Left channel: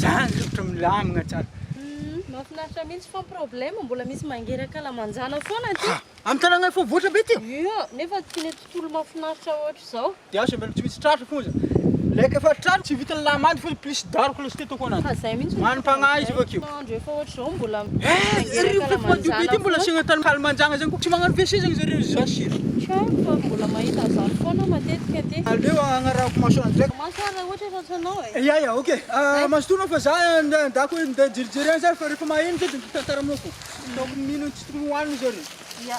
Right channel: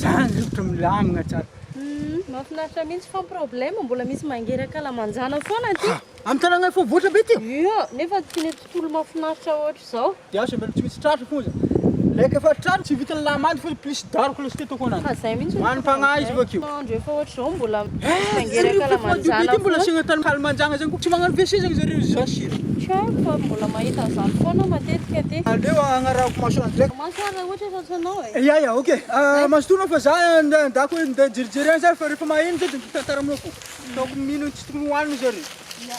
Zany rivotra milamina tsara. Mahafinaritra mihitsy fa problème mbola misy mangeraka lamanjana foana ty. Amin'ny tanàna efa voatra be ty. Ia, nefa tiany tontolo mahafinaritra ohatr' zao. Dia aso mbela tsy misy tratra foza. Leka efa tratra tsy vitany lamandy fa plus daroko loatra ty ataoko ananjy. Zay mihitsy Manam-pagnahy izy avakeo. Andro efa ohatr' zao mbola Mangeraka mangeraka lamanjana. mbola asiana tany kalamanjana zany koa tsy magnano WC zany zareo zasira. Trano fa mbola mahita zany foana matetika ty. Aleo agnarako masoandro ndraiky. Masoara ohatra ratsanao e. Ya, okey. Mazotoana fa za andako hoe jerijery zany fa rehefa maheno zay dia mitantaraminao fo. Ataoko mino tsy tokony hohanina zareo. Ya.